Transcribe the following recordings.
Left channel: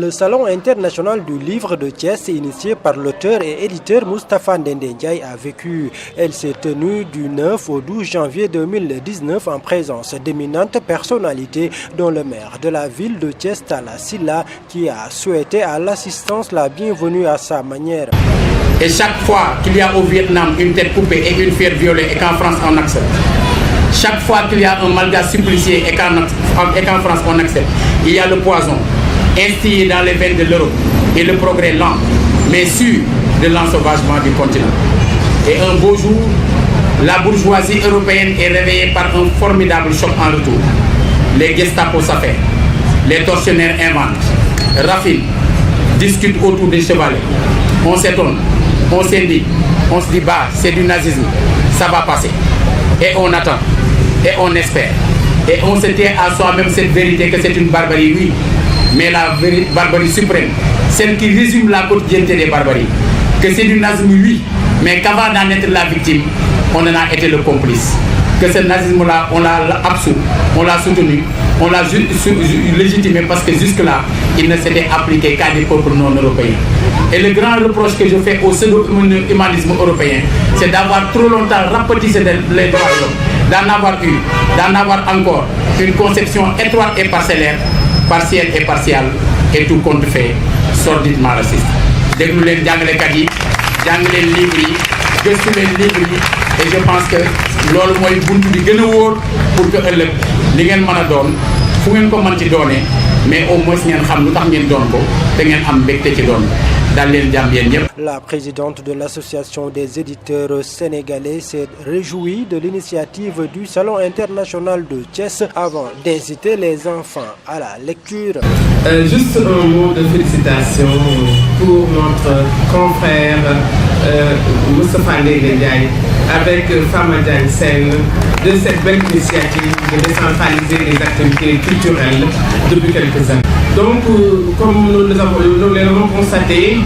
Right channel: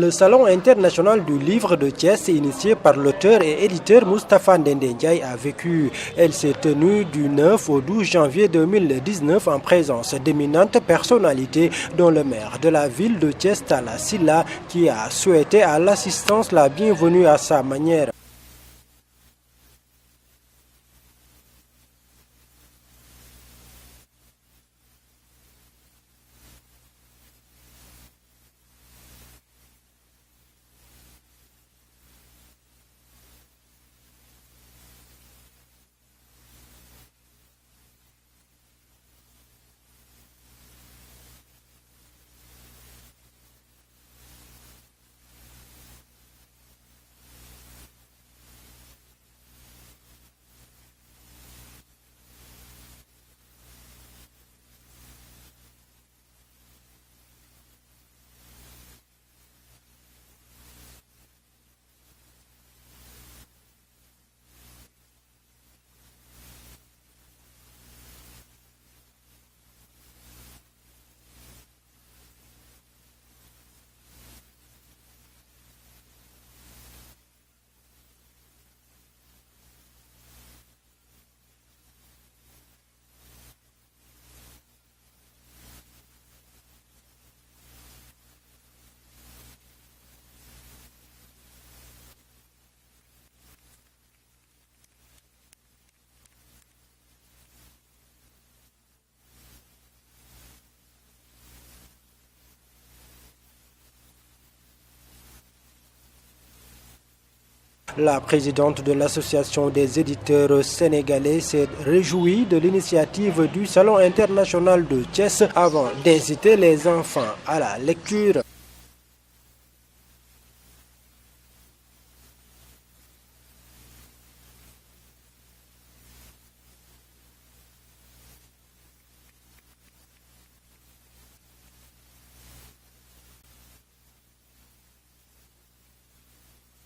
Le Salon international du livre de Thiès, initié par l'auteur et éditeur Moustapha Ndendé Ndiaye, a vécu. Elle s'est tenue du 9 au 12 janvier 2019 en présence d'éminentes personnalités, dont le maire de la ville de Thiès, Talla Sylla, qui a souhaité à l'assistance la bienvenue à sa manière. Et chaque fois qu'il y a au Vietnam une tête coupée et une fière violée et qu'en France on accepte, chaque fois qu'il y a un malgache supplicié et qu'en France on accepte, il y a le poison instillé dans les veines de l'Europe et le progrès lent, mais sûr de l'ensauvagement du continent. Et un beau jour, la bourgeoisie européenne est réveillée par un formidable choc en retour. Les Gestapo s'affairent, les tortionnaires inventent, raffinent, discutent autour des chevalets. On s'étonne, on s'indigne, on se dit bah c'est du nazisme, ça va passer. Et on attend, et on espère, et on se tient à soi-même cette vérité que c'est une barbarie, oui, mais la barbarie suprême, celle qui résume la quotidienneté des barbaries, que c'est du nazisme, oui, mais qu'avant d'en être la victime, on en a été le complice. Que ce nazisme-là, on l'a absous, on l'a soutenu, on l'a légitimé parce que jusque-là, il ne s'était appliqué qu'à des peuples non européens. Et le grand reproche que je fais au pseudo-humanisme européen, c'est d'avoir trop longtemps rapetissé les droits de l'homme, d'en avoir encore une conception étroite et parcellaire, partielle et partiale, et tout compte fait, sordidement raciste. Déglu leen jàngalekat yi, jàng leen livre yi, gëstu leen livre yi, et je pense que loolu mooy buntu bi gën a wóor pour que ëllëg li ngeen mën a doon fu ngeen ko mën ci doonee mais au moins ngeen xam lu tax ngeen doon ko te ngeen am mbégte ci doon ko. La présidente de l'association des éditeurs sénégalais s'est réjouie de l'initiative du Salon international de Thiès avant d'inciter les enfants à la lecture. Juste un mot de félicitations pour notre confrère Moustapha Ndendé Ndiaye avec Fama Diagne Sène de cette belle initiative de décentraliser les activités culturelles depuis quelques années. Donc, comme nous l'avons constaté,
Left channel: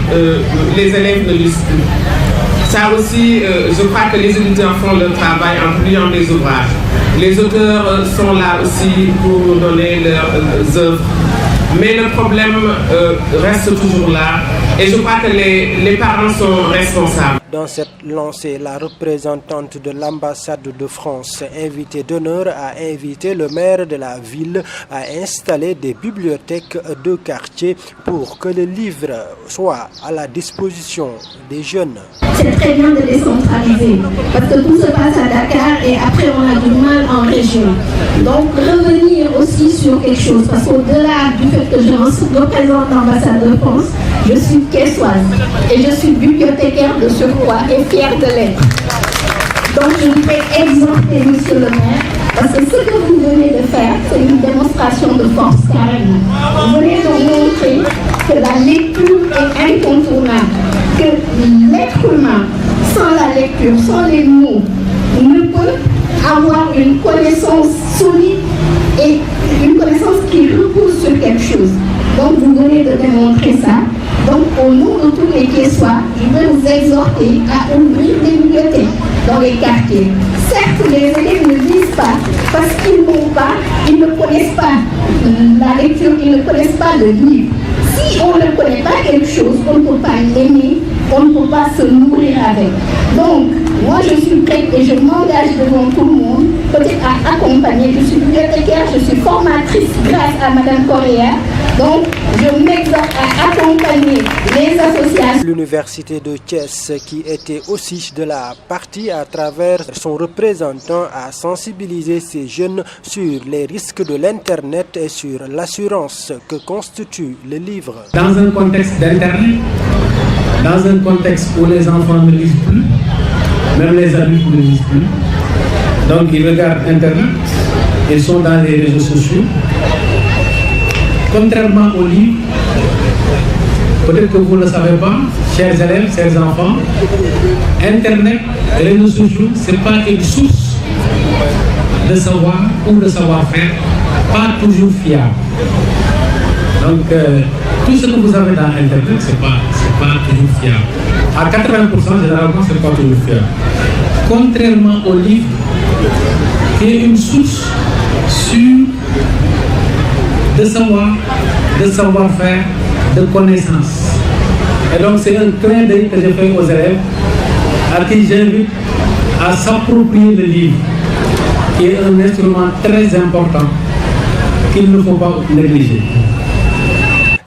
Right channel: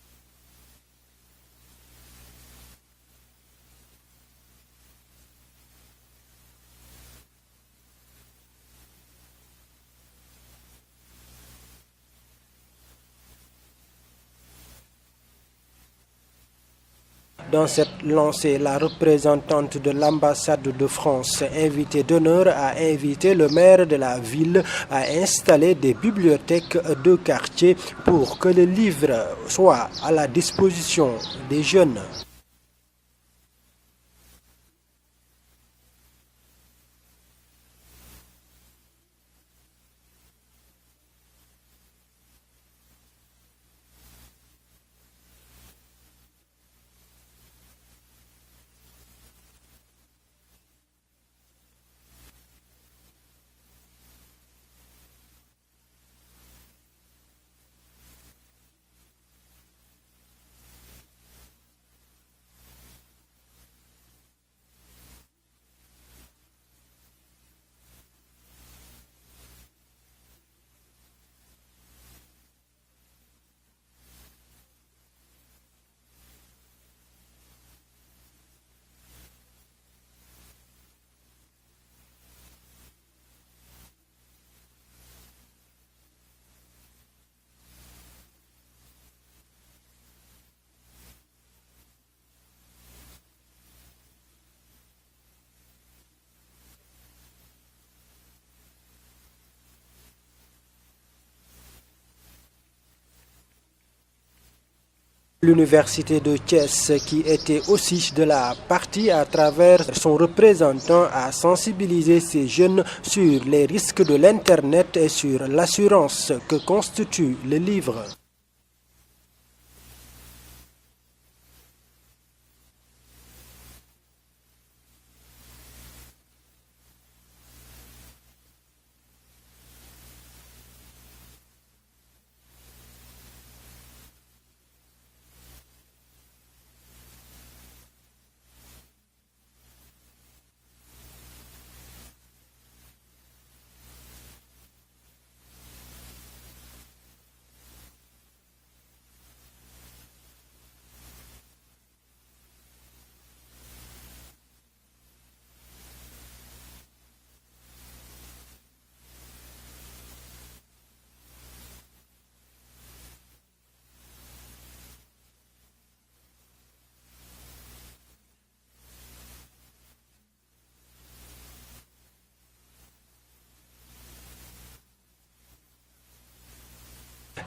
les élèves ne lisent plus. Ça aussi, je crois que les étudiants font leur travail en publiant des ouvrages. Les auteurs sont là aussi pour nous donner leurs œuvres. Mais le problème reste toujours là et je crois que les parents sont responsables. Dans cette lancée, la représentante de l'ambassade de France, invitée d'honneur, a invité le maire de la ville à installer des bibliothèques de quartier pour que le livre soit à la disposition des jeunes. C'est très bien de décentraliser parce que tout se passe à Dakar et après on a du mal en région. Donc revenir aussi sur quelque chose parce qu'au-delà du fait que je représente l'ambassade de France, je suis thiessoise et je suis bibliothécaire de surcroît et fière de l'être. Donc je voudrais exhorter monsieur le maire parce que ce que vous venez de faire, c'est une démonstration de force carrément. Vous venez de montrer que la lecture est incontournable, que l'être humain, sans la lecture, sans les mots, ne peut avoir une connaissance solide et une connaissance qui repose sur quelque chose. Donc vous venez de démontrer ça. Donc au nom de tous les Thiessois, je veux vous exhorter à ouvrir des bibliothèques dans les quartiers. Certes, les élèves ne lisent pas parce qu'ils n'ont pas, ils ne connaissent pas la lecture, ils ne connaissent pas le livre. Si on ne connaît pas quelque chose, on ne peut pas l'aimer, on ne peut pas se nourrir avec. Donc, moi je suis prête et je m'engage devant tout le monde, peut-être à accompagner. Je suis bibliothécaire, je suis formatrice grâce à Madame Correa. Donc, je m'exhorte à accompagner les associations. L'université de Thiès, qui était aussi de la partie à travers son représentant, a sensibilisé ces jeunes sur les risques de l'Internet et sur l'assurance que constitue le livre. Dans un contexte d'Internet, dans un contexte où les enfants ne lisent plus, même les adultes ne lisent plus, donc ils regardent Internet, ils sont dans les réseaux sociaux. Contrairement au livre, peut-être que vous ne le savez pas, chers élèves, chers enfants, Internet, les réseaux sociaux, ce n'est pas une source de savoir ou de savoir-faire, pas toujours fiable. Donc, tout ce que vous avez dans Internet, ce n'est pas toujours fiable. À 80%, généralement, ce n'est pas toujours fiable. Contrairement au livre, qui est une source sûre de savoir, de savoir-faire, de connaissances. Et donc c'est un clin d'œil que je fais aux élèves à qui j'invite à s'approprier le livre, qui est un instrument très important qu'il ne faut pas négliger.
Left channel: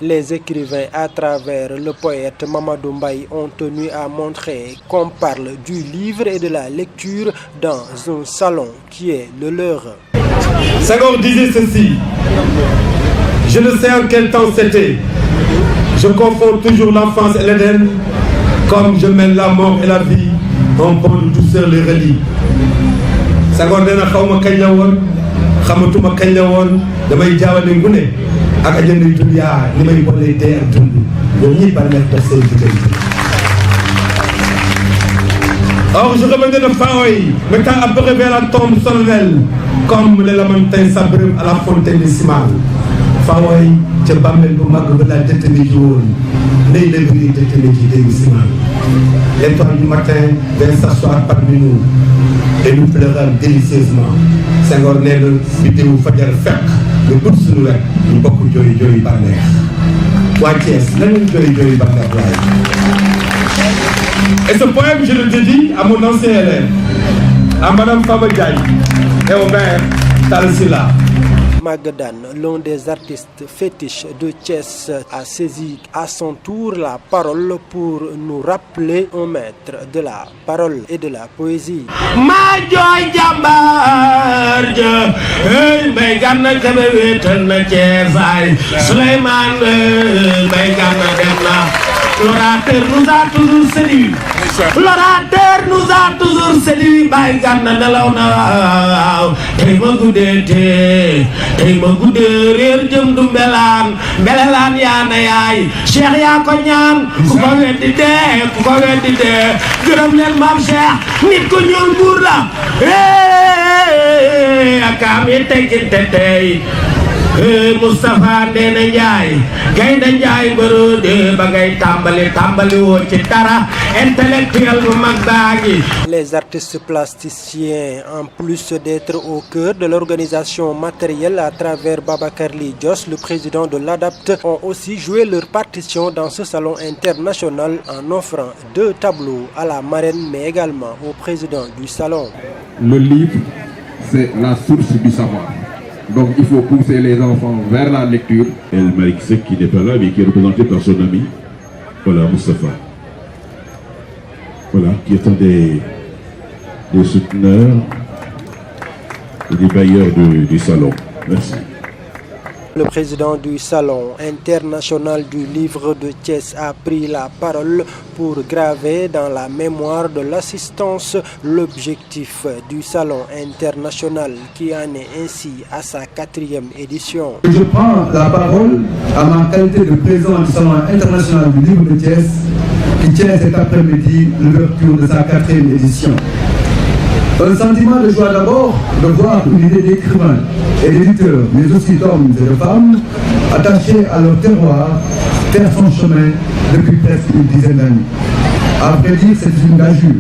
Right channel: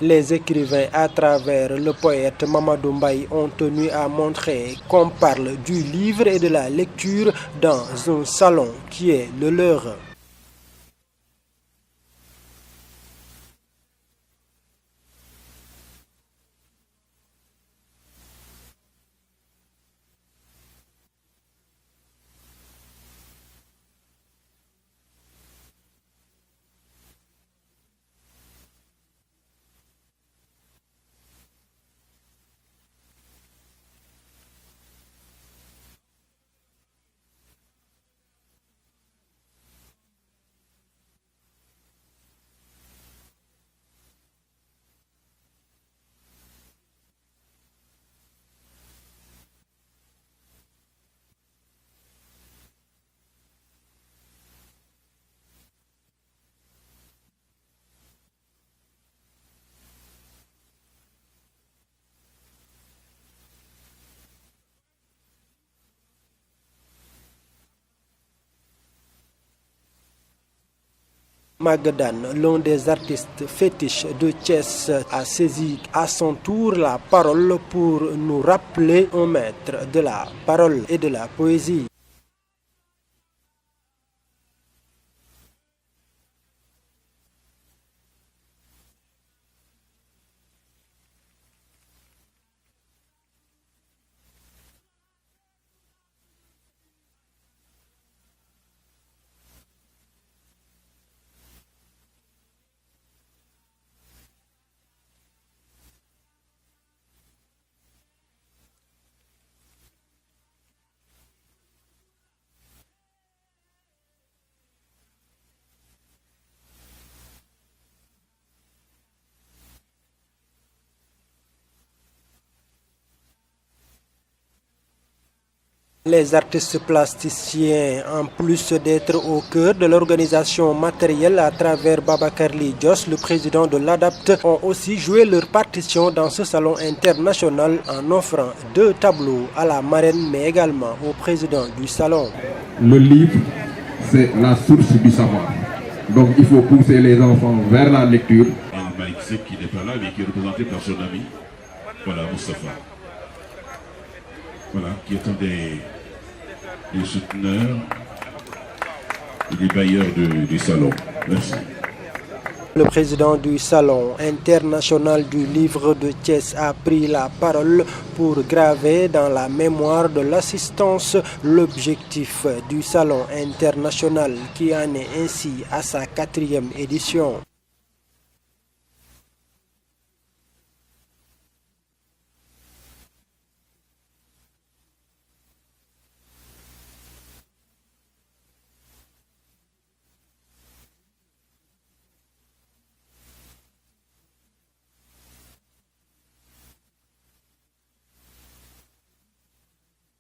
Les écrivains, à travers le poète Mamadou Mbaye, ont tenu à montrer qu'on parle du livre et de la lecture dans un salon qui est le leur. Senghor disait ceci: je ne sais en quel temps c'était. Je confonds toujours l'enfance et l'Éden, comme je mène la mort et la vie, en pont de douceur les relie. Senghor nee na xawma kañ la woon, xamatuma kañ la woon, damay jaawale ngune ak ajandi dunya li may boole dee ak dund ñoom ñi bari na def seen diggante. Or je revenais de Faoy, mettant à peu vers la tombe solennelle, comme les lamentins s'abreuvent à la fontaine décimale. Faoy ca bàmmeel bu mag ba la détenu ji woon ndey la bëri détenu ji dégg simal. L'étoile du matin vient s'asseoir parmi nous et nous pleurons délicieusement. Senghor nee na biddewu fajar fekk nga gudd suñu wet ñu bokk jooy jooy bànneex. Waa Thiès nañu jooy jooy bànneex waaye. Et ce poème, je le dédie à mon ancien élève, à Madame Fama Diagne et au maire Talla Sylla. Magadan, l'un des artistes fétiches de Thiès, a saisi à son tour la parole pour nous rappeler un maître de la parole et de la poésie. Ma jooy jàmbaar ja hey Mbaye Gana Kebe wéetal na Thiès ay Souleymane Mbaye Gana dem na. L'orateur nous a toujours séduit. L'orateur nous a toujours séduit. Mbaye Gana nelaw na waaw tey ma guddee tey ma guddee réer jëm du mbelaan mbelelaan yaa na yaay Cheikh yaa ko ñaan ku ko weddi dee gërëm leen maam Cheikh nit ko ñuul buur la akaam yi tegginte tey Moustapha Ndéné Ndiaye Gaynde Ndiaye Borode ba ngay tàmbali woo ci dara intellectuel bu mag baa ngi. Les artistes plasticiens, en plus d'être au cœur de l'organisation matérielle à travers Babacar Ly Dios, le président de l'ADAPT, ont aussi joué leur partition dans ce salon international en offrant 2 tableaux à la marraine mais également au président du salon. Le livre, c'est la source du savoir. Donc il faut pousser les enfants vers la lecture. El Malick Seck qui n'est pas là mais qui est représenté par son ami, voilà, Moustapha. Voilà, qui est un des souteneurs et des bailleurs du salon. Merci. Le président du Salon international du livre de Thiès a pris la parole pour graver dans la mémoire de l'assistance l'objectif du Salon international qui en est ainsi à sa 4e édition. Je prends la parole à ma qualité de président du Salon international du livre de Thiès qui tient cet après-midi l'ouverture de sa 4e édition. Un sentiment de joie d'abord de voir une idée d'écrivains et d'éditeurs, mais aussi d'hommes et de femmes, attachés à leur terroir, faire son chemin depuis presque une dizaine d'années. À vrai dire, c'est une gageure,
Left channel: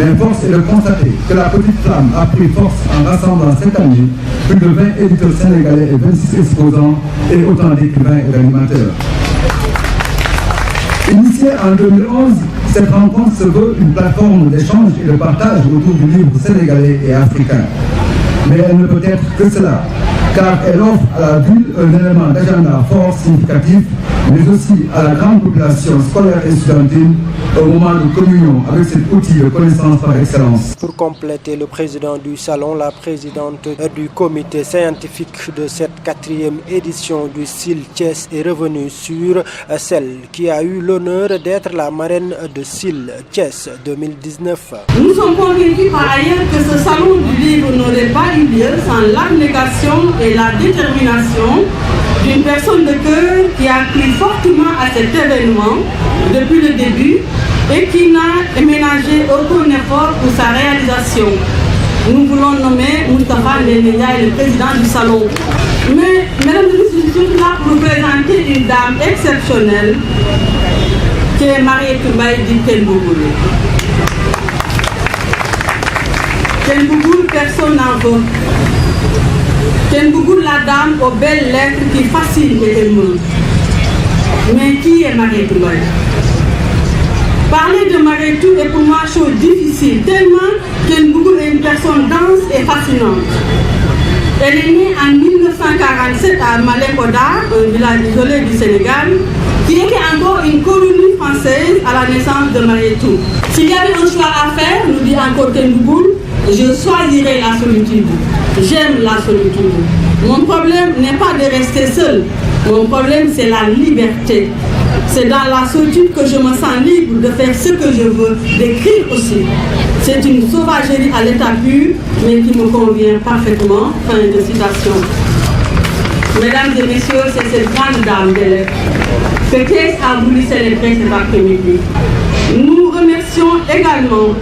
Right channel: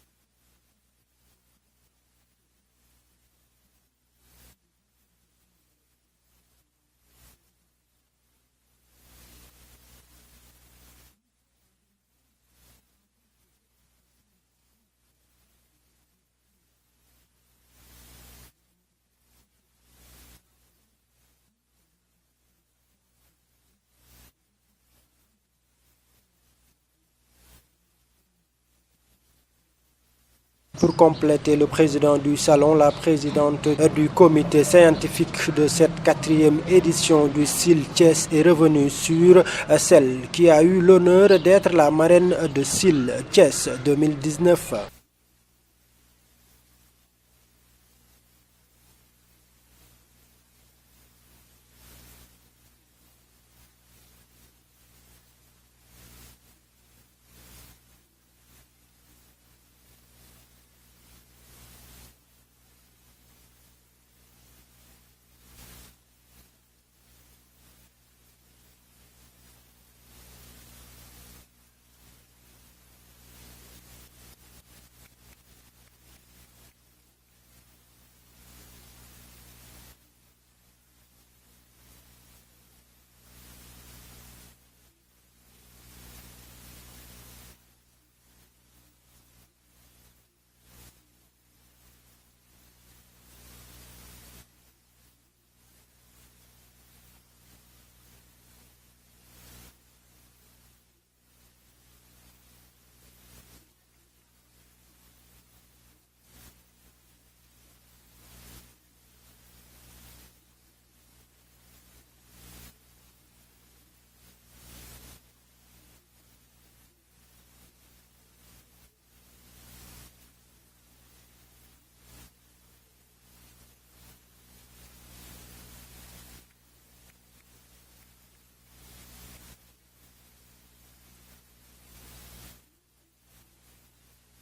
mais force est de constater que la petite flamme a pris force en rassemblant cette année plus de 20 éditeurs sénégalais et 26 exposants et autant d'écrivains et d'animateurs. Initiée en 2011, cette rencontre se veut une plateforme d'échange et de partage autour du livre sénégalais et africain. Mais elle ne peut être que cela, car elle offre à la ville un élément d'agenda fort significatif, mais aussi à la grande population scolaire et estudiantine, un moment de communion avec cet outil de connaissance par excellence. Pour compléter le président du salon, la présidente du comité scientifique de cette 4e édition du SIL Thiès est revenue sur celle qui a eu l'honneur d'être la marraine de SIL Thiès 2019. Nous sommes convaincus par ailleurs que ce salon du livre n'aurait pas eu lieu sans l'abnégation et la détermination d'une personne de cœur qui a pris fortement à cet événement depuis le début et qui n'a ménagé aucun effort pour sa réalisation. Nous voulons nommer Moustapha Ndéné Ndiaye, le président du salon. Mais, mesdames et messieurs, je suis là pour vous présenter une dame exceptionnelle qui est Mariétou Mbaye dit Ken Bougoul. Ken Bougoul, personne n'en veut. Ken Bougoul, la dame aux belles lettres qui fascinent et émeut. Mais qui est Mariétou Ndoye? Parler de Mariétou est pour moi chose difficile, tellement qu'elle est une personne dense et fascinante. Elle est née en 1947 à Malem-Hodar, un village isolé du Sénégal, qui était encore une colonie française à la naissance de Mariétou. S'il y avait un choix à faire, nous dit encore Tendouboul, je choisirais la solitude. J'aime la solitude. Mon problème n'est pas de rester seul. Mon problème, c'est la liberté. C'est dans la solitude que je me sens libre de faire ce que je veux, d'écrire aussi. C'est une sauvagerie à l'état pur, mais qui me convient parfaitement. Fin de citation. Mesdames et messieurs, c'est cette grande dame d'élèves que Thiès a voulu célébrer cet après-midi. Nous remercions également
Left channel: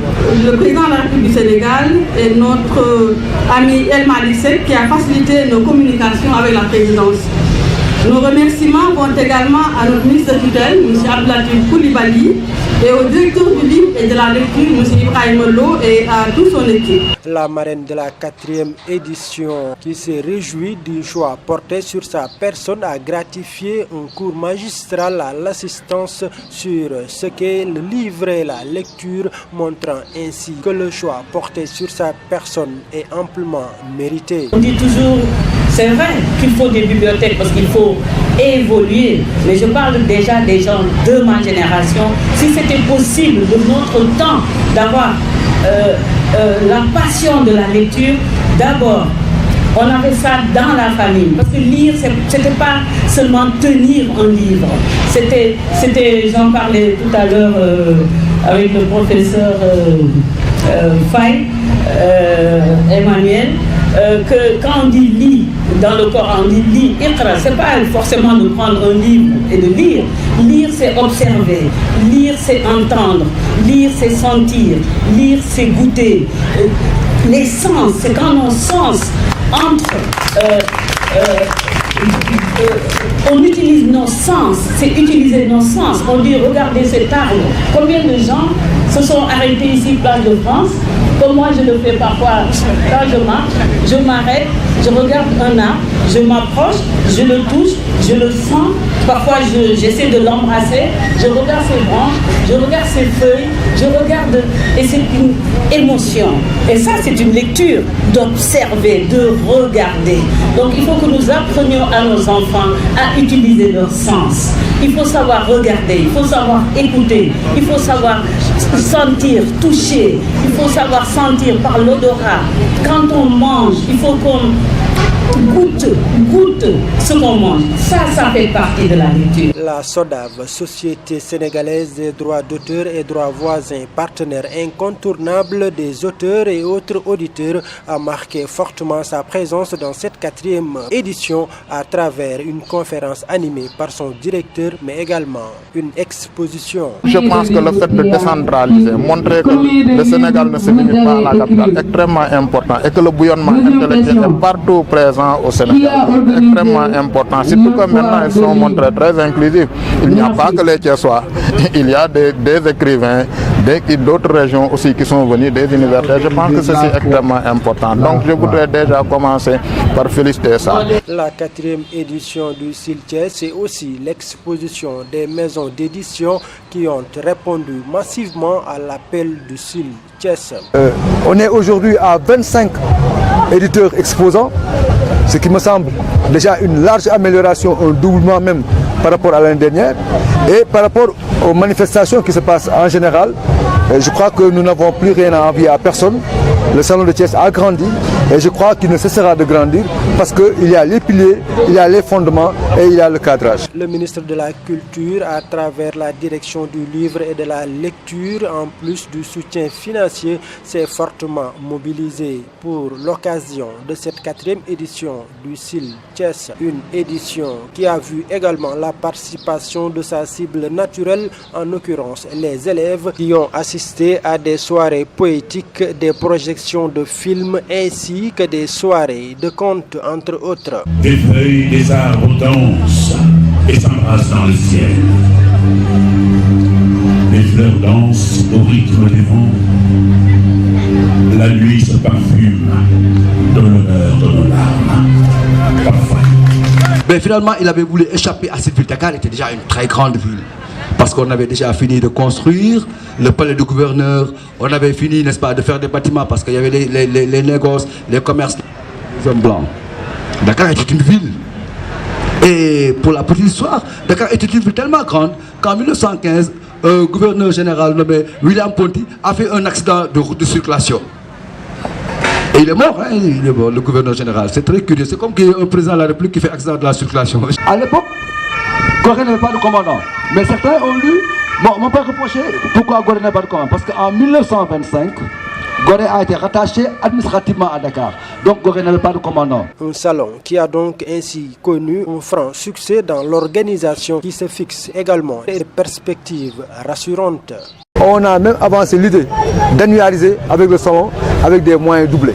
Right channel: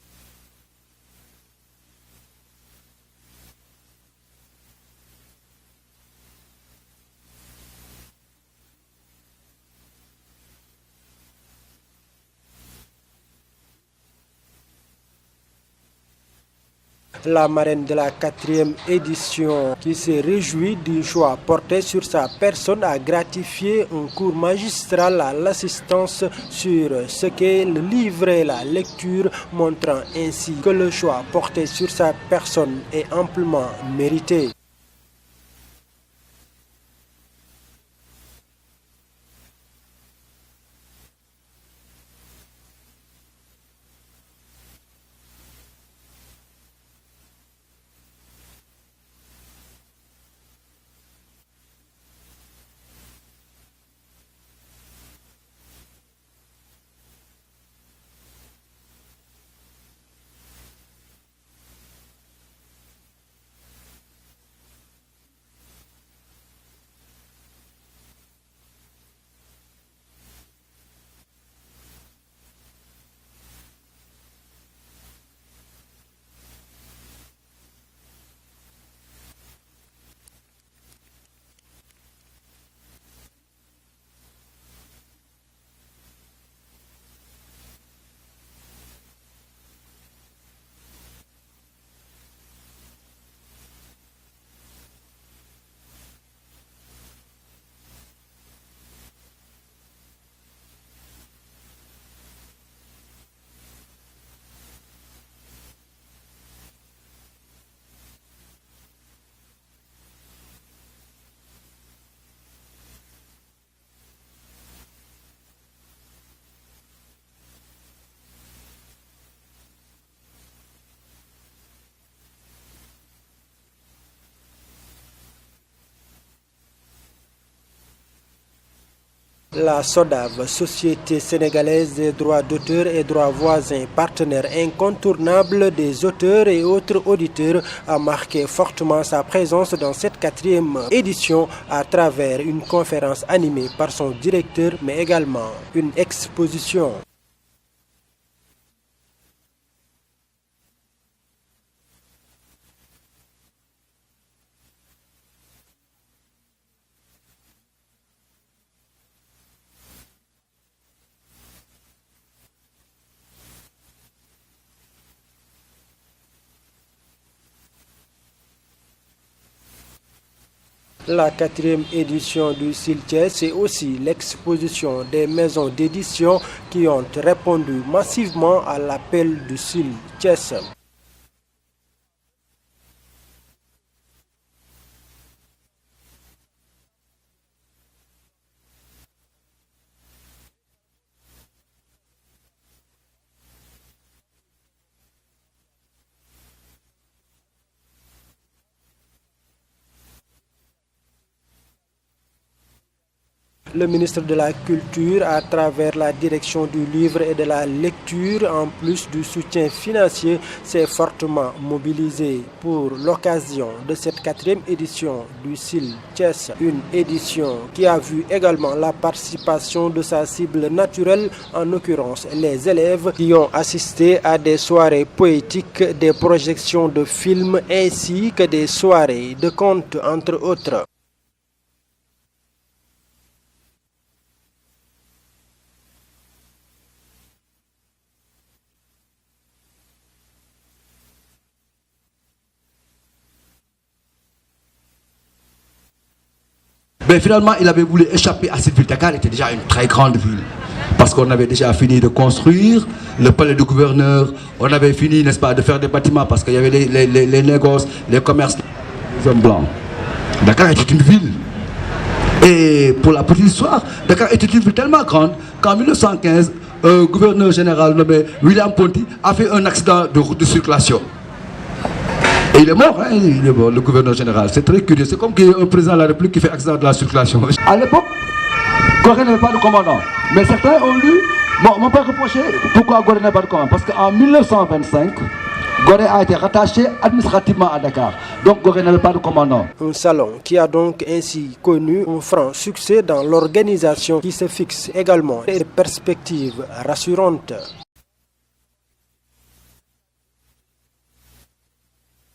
le président de la République du Sénégal et notre ami El Malick Seck qui a facilité nos communications avec la présidence. Nos remerciements vont également à notre ministre de tutelle, M. Abdoulatif Koulibaly, et au directeur du livre et de la lecture, M. Ibrahim Lo, et à toute son équipe. La marraine de la 4e édition, qui s'est réjouie du choix porté sur sa personne, a gratifié un cours magistral à l'assistance sur ce qu'est le livre et la lecture, montrant ainsi que le choix porté sur sa personne est amplement mérité. On dit toujours, c'est vrai qu'il faut des bibliothèques parce qu'il faut évoluer, mais je parle déjà des gens de ma génération. Si c'était possible de notre temps d'avoir la passion de la lecture, d'abord, on avait ça dans la famille. Parce que lire, c'était pas seulement tenir un livre. C'était j'en parlais tout à l'heure avec le professeur Faye, Emmanuel, que quand on dit lit, dans le Coran on dit lit, iqra, c'est pas forcément de prendre un livre et de lire. Lire, c'est observer. Lire, c'est entendre. Lire, c'est sentir. Lire, c'est goûter. Les sens, c'est quand nos sens entrent. On utilise nos sens, c'est utiliser nos sens. On dit, regardez cet arbre. Combien de gens se sont arrêtés ici, place de France? Comme moi, je le fais parfois quand je marche. Je m'arrête, je regarde un arbre, je m'approche, je le touche, je le sens. Parfois, j'essaie de l'embrasser. Je regarde ses branches, je regarde ses feuilles, je regarde. Et c'est une émotion. Et ça, c'est une lecture d'observer, de regarder. Donc, il faut que nous apprenions à nos enfants à utiliser leur sens. Il faut savoir regarder, il faut savoir écouter, il faut savoir sentir, toucher, il faut savoir sentir par l'odorat. Quand on mange, il faut qu'on goûte ce qu'on mange. Ça fait partie de la lecture. La SODAV, Société sénégalaise des droits d'auteur et droits voisins, partenaire incontournable des auteurs et autres auditeurs, a marqué fortement sa présence dans cette 4e édition à travers une conférence animée par son directeur, mais également une exposition. Je pense que le fait de décentraliser, montrer que le Sénégal ne se limite pas à la capitale, est extrêmement important et que le bouillonnement intellectuel est partout présent au Sénégal, extrêmement important. Surtout que maintenant ils sont montrés très inclusifs. Il n'y a pas que les Thiessois, il y a des écrivains d'autres régions aussi qui sont venus, des universités. Je pense que ceci est extrêmement important. Donc je voudrais déjà commencer par féliciter ça. La 4e édition du CIL Thiès, c'est aussi l'exposition des maisons d'édition qui ont répondu massivement à l'appel du CIL Thiès. On est aujourd'hui à 25 éditeurs exposants, ce qui me semble déjà une large amélioration, un doublement même par rapport à l'année dernière. Et par rapport aux manifestations qui se passent en général, je crois que nous n'avons plus rien à envier à personne. Le salon de Thiès a grandi et je crois qu'il ne cessera de grandir parce qu'il y a les piliers, il y a les fondements et il y a le cadrage. Le ministre de la Culture, à travers la direction du livre et de la lecture, en plus du soutien financier, s'est fortement mobilisé pour l'occasion de cette 4e édition du CIL Thiès. Une édition qui a vu également la participation de sa cible naturelle, en l'occurrence les élèves qui ont assisté à des soirées poétiques, des projections de films ainsi que des soirées de contes entre autres. Des feuilles des arbres dansent et s'embrassent dans le ciel. Les fleurs dansent au rythme des vents. La nuit se parfume de l'honneur de nos larmes. Parfois. Mais finalement, il avait voulu échapper à cette ville. Dakar était déjà une très grande ville. Parce qu'on avait déjà fini de construire le palais du gouverneur. On avait fini, n'est-ce pas, de faire des bâtiments parce qu'il y avait les négoces, les commerces, les hommes blancs. Dakar était une ville. Et pour la petite histoire, Dakar était une ville tellement grande qu'en 1915, un gouverneur général nommé William Ponty a fait un accident de route de circulation. Et il est mort, hein, il est mort, le gouverneur général. C'est très curieux. C'est comme qu'il y a un président de la République qui fait accident de la circulation. À l'époque, Gorée n'avait pas de commandant. Mais certains ont lu, bon, mon père reprochait pourquoi Gorée n'avait pas de commandant. Parce qu'en 1925, Gorée a été rattaché administrativement à Dakar. Donc Gorée n'avait pas de commandant. Un salon qui a donc ainsi connu un franc succès dans l'organisation qui se fixe également des perspectives rassurantes. On a même avancé l'idée d'annualiser avec le salon avec des moyens doublés.